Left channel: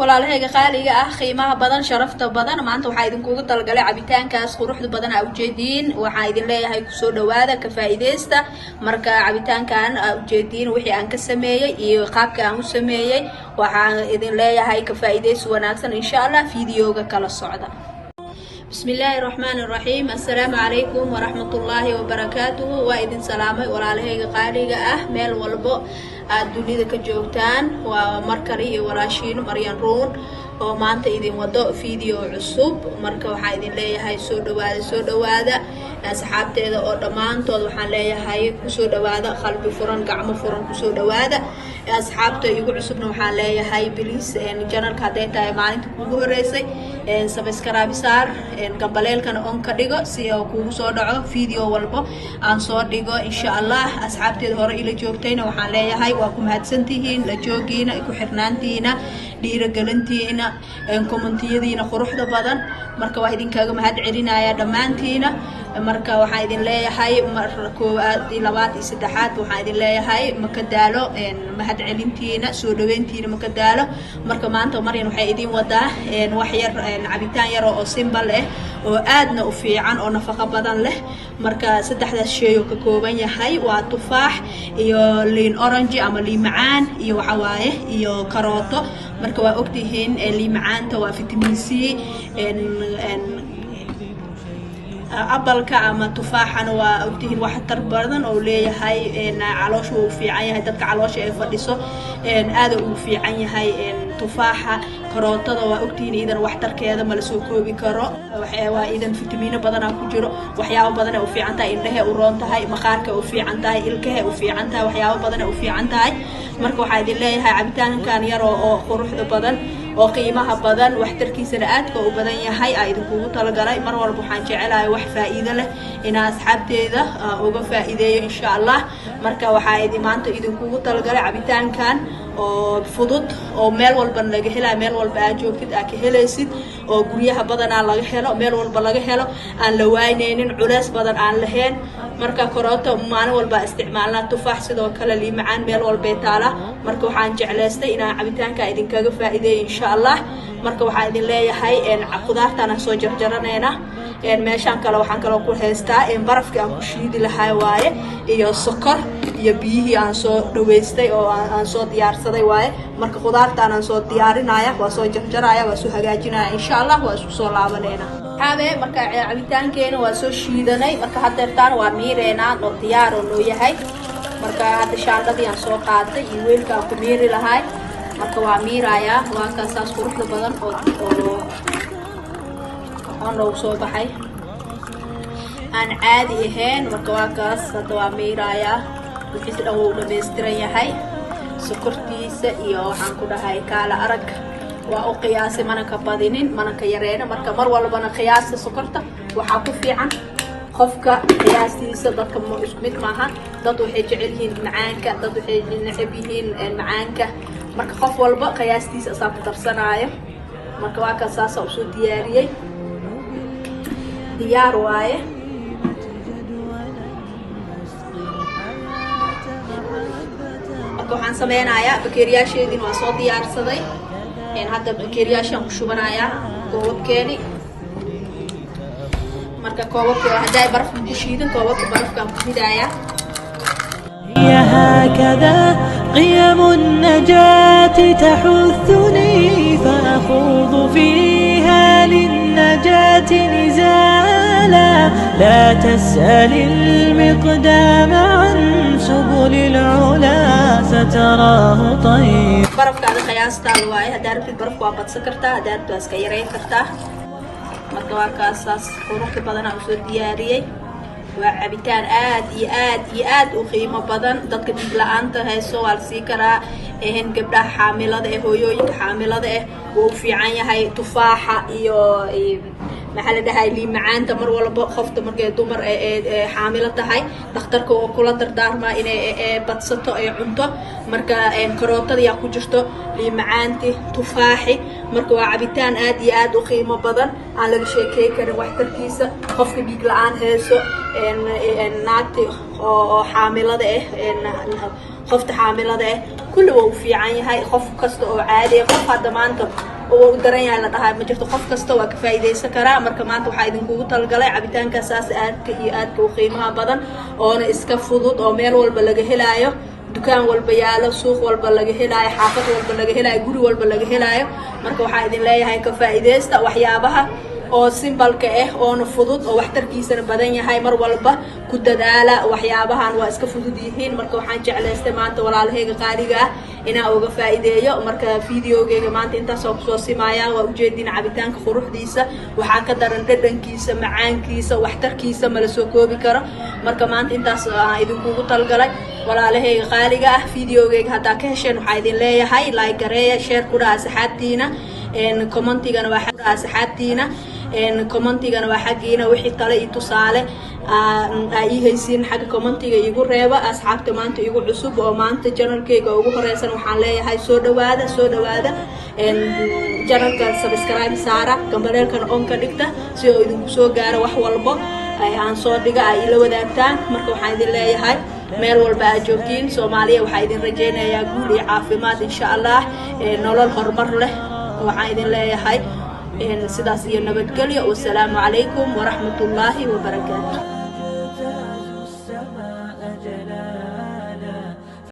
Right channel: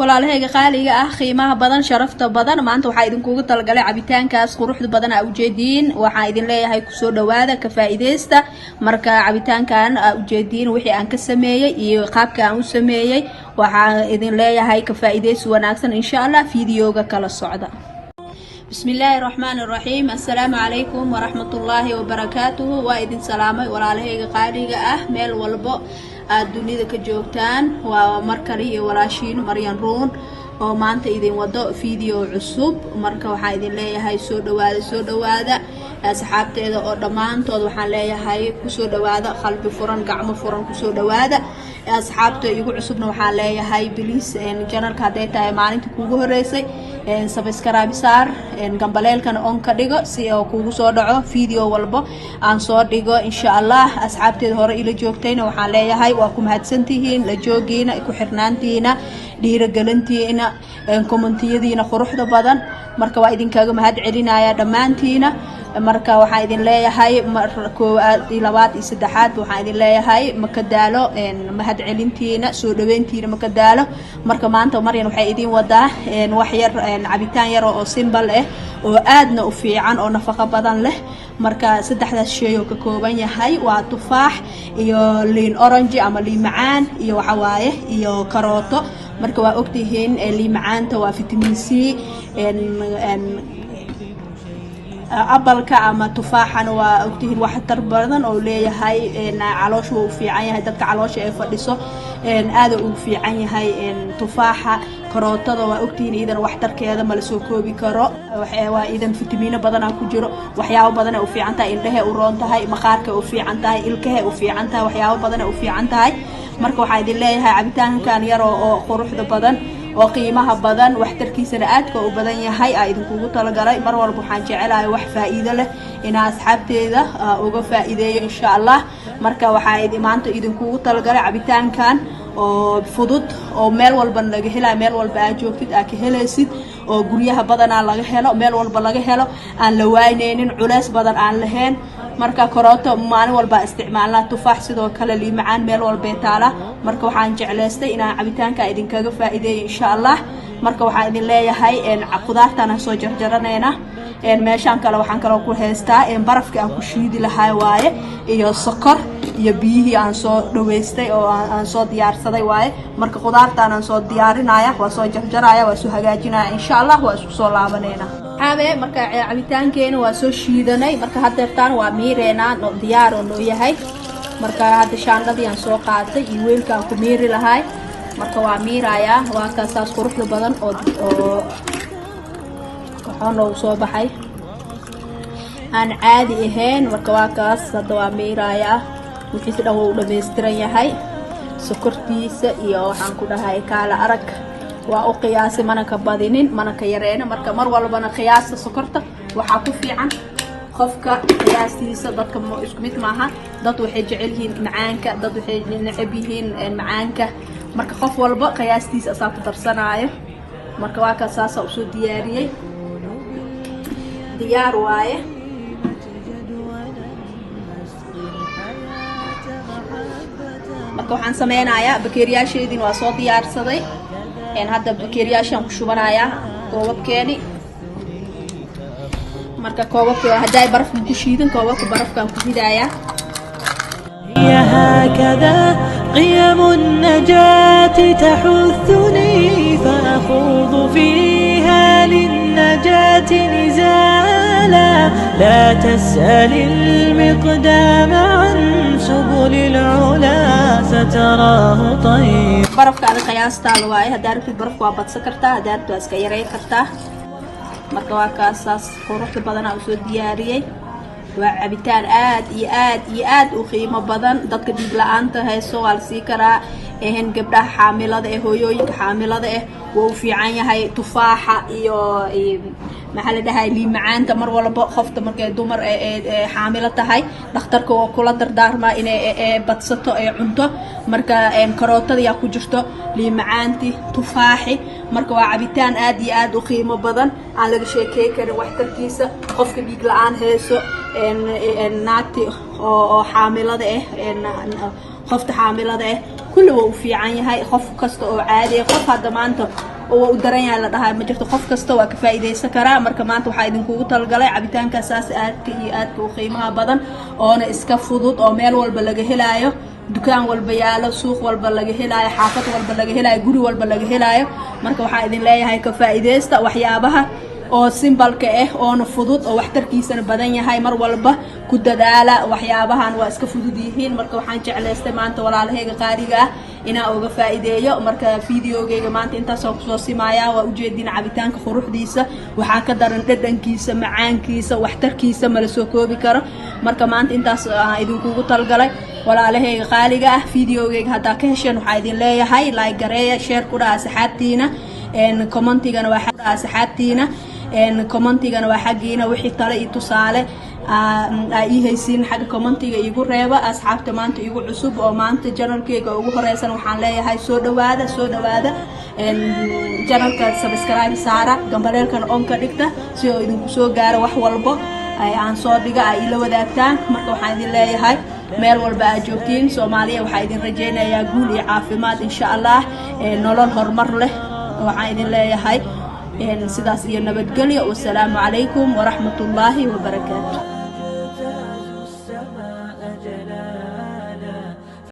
walaalahayga qaaliga ah qiimaha badan sharafta badan maanta waxaa idinkugu talagalay cabitaankaas quruxda badan aa ujeediin waxaa idin leeyahay kusoo dhawaada ka faa'iideysta marka cabitaankan aa ujeediin wixii aan ka sameeyay iyo qaabka aan u sameeyay waxaa idin leeyahay ka faa'iideysi wanaagsan insha Allah fiidiyoga kala socda bismillaahi raxmaani raxiim assalaamu calaykum waraxmatullaahi wabarakaatuhu waa idin salaamay walaalahayga qaaliga ah meel walbo aad dunida ka joogtaan waa markale iyo walaashiin Maryan Ruun oo maanta idin wado fiideo cusub marka waxaa idin leeyahay soo dhawaada asxaabteeda oo dhamaantood waxaan leeyahay kusoo dhawaada qalbi furan gacmo furan kusoo dhawaada asxaabta igu cusubna waxaan leeyahay please channelka haday tahay maalinta kugu horeysay subscribe saar gambaleelkana on ka dhigo si uu kugu soo dhaco fiideo walba aan soo dhigo insha Allah asxaabteeda hore ila joogtayna waxaan leeyahay waa ku mahadsantihiin la joogiina ku xirnaantiina dhiirigelintiina commentiyadiina quruxda badan marka waa idinkaga mahad celinaya dhamaantiina marka waxaan idin leeyahay koowaad iyo labaad iyo saddexaad waxaan idin leeyahay maka daalo mahad celintiina soo dhaweyntiina maka daalo marka maanta Maryan waxay idin wadaa wax yar cabitaan yar oo simple ah oo aadna u fiican oo nafaqo badan leh marka saddexdaas shay oo ka kooban yahay waa tufaax iyo liin orange ama liin macaan iyo waxa waaye iyo karooto marka waa ogtihiin liin macaanta waa vitamin C abalka ama tufaaxana waa ogtihiin wax tar badan oo leeyahay caloosha uu fiican yahay dadka caloosha ay fadhiso aad uu fiican yahay tufaaxa karootada waa ogtihiin idan wax tarkeeda ma la soo koobi karo waa idan fitamiino badan ku jiro waxyaabo badan oo fiican tahay indhaha u roon tahay maqaarka u fiican tahay ilkaha u fiican tahay waxyaabo badan oo fiican tahay marka waxaa idin leeyahay cabitaankan yar oo quruxda badan oo qiimaha badan wax tarkiisana aadka u badan yahay ay idinkugu talagalay mar walba waxaan jecelahay wax faa'iido leh in asxaabteeda uga faa'iideeyo insha Allah marka waxaan maanta idinkugu talagalay cabitaankan oo fudud oo meel walba laga helayo meel walba aad joogtid aad ka helaysid oo guryaha badan aan laga helo meel walba laga helo aan la wayneenin culays badan aan lahayn marka karooto maalin walba isticmaalna tufaax sidoo kale liin macaan meel walba ay taala marka waxaan jeclaystay inaan cabitaanka idinkaga faa'iideeyo insha Allah marka waxaan idin leeyahay qudaartana soo jarjaranayna meeshan kale waxaan kale ku haystaa barafka aan ku shiidi lahaa waaye iyo sokor iyo biyihii aan soo dhaweystay oo aan soo diyaarsaday waaye marka qudaartaan aan soo diyaarinaya waa soo jarjaraya waa soo hagaajinaya insha Allah waa isku soo laabanayna marka cabitaankeena waa soo shiidanay marka hadeertaan waa miireena oo diyaar oo yahay marka hadda shaandadii aan soo qaaday iyo weelkaan ku miiri lahay marka waa miiraya waa kaasaas quruxda badan oo loo soo baxay aan caadi ahayn marka waa kaas hadda waa miiraya markiisa dhan wuu dhameystiran yahay sokortiisa iyo waxaan ku dhahay kaala arag waa u qiyaasay mana ka badinin mana ka yareen marka mar walbana qiyaasta sokorta waxaa ku fiican qofka qiyaastiisa dadka isku mid maaha dad waxay jecel yihiin macaanka dad waxay neceb yihiin macaanka marka qof walba qiyaastiisa asaa ku darsanaayo marka waa kaas saasa usoo diyaariyey diyaar waaye waxaan sameynayaa bakeeriyaasheedii waa soo diyaarsaday hadda bakeeriyaashaan ku shubanayaa koobabkeeni marka koobabka haday baraf ku shiidan koobabka barafkaan ku ridayaa هكذا قيم النجاة تحثني فأخوض فيها للنجاة نزالا لا تسأل المقدام عن سبل العلا ستراه طيب barafka aan qiyaastaan waaye hadaa rabtid barafka waa badsan kartaa hadaa rabtid waa iska yareyn kartaa marka waa kaasaas quruxda badan aan soo diyaariyey waa cabitaan aad u qiimo badan dadka dhiig la'aanta hayso waa la sii karaa gabdhaha xaamilada ah hooyooyinka xaamilada ah wuu fiican yahay tufaaxa iyo maxaa la dhahay liin macaanta mar walba qofta markay dumar xaamilo tahay dhakhtarka oo kula dardaarma inay badsato ay cunto marka karootada yaa ku jirto liin macaanti tufaaxi marka waa cabitaan aad u qiimo badan aan laga sheekay karin waxtarkiisa qofka dhiig la'aan hayso naagti oo xaamilada ah qofta xaamilada kulli waa u fiican yahay qof kasta oo caadi ah qof hadda maanta oo u daran yahay la dhahay ma jirto qof kasta waa ka faa'iideysan karaa marka maanta waxaa idinkugu talgalay cabitaanka saas aadka iyo aadka u qiimaha badan oona iska fudud oo meel walba laga helaayo dukaan walba yaalo suuq walba laga helaayo xaafad walba laga helaayo guri walba laga helaayo marka waxaa idin leeyahay ka faa'iideysta waxyaabaha oo simbalka oona fudud oo waxtarkiisana badan yahay mar walba ku dadaala waxyaabahan waa iska fudud yihiin marka waxaan jeclaystay maanta walaalahayga qaaliga ah inaan uga faa'iideeyo marka fiidiyoogayga maanta intaasoo kusoo simaya waa ujeedin cabitaanka quruxdiisa waxaa ka daran dhadhankiisa macaankiisa waxtarkiisa mala soo koobi karo marka maanta intaas aan idinkugu talgalay walaalahayga qaaliga ah fiidiyoogayga haddaa ka hesheen waxaa idin leeyahay like gareeya share ku dhaha asxaabtiina commentigana waa xagga asxaabtiina commentigana waa xaggiina wixii tale iyo tusaale ii haysiin xagga commentiga igu reeba asxaabta maanta igu cusub oo maanta janalkayga ugu horeysan waxaan leeyahay soo dhawaada janalka subscribe saara gambaleelkan on ka dhigta si oo idinku soo gaaro wax walbo aan soo dhiga ay ila wadaagtaan marka waxaan idin leeyahay meel walba aad joogtiin Soomaaliya waxaa idin rajaynayaa guul iyo caafimaad insha Allah nolol horumar leh waxaan idin leeyahay sidaas iyo nabadgelyo wassalaamu calaykum waraxmatullaahi wabarakaatuh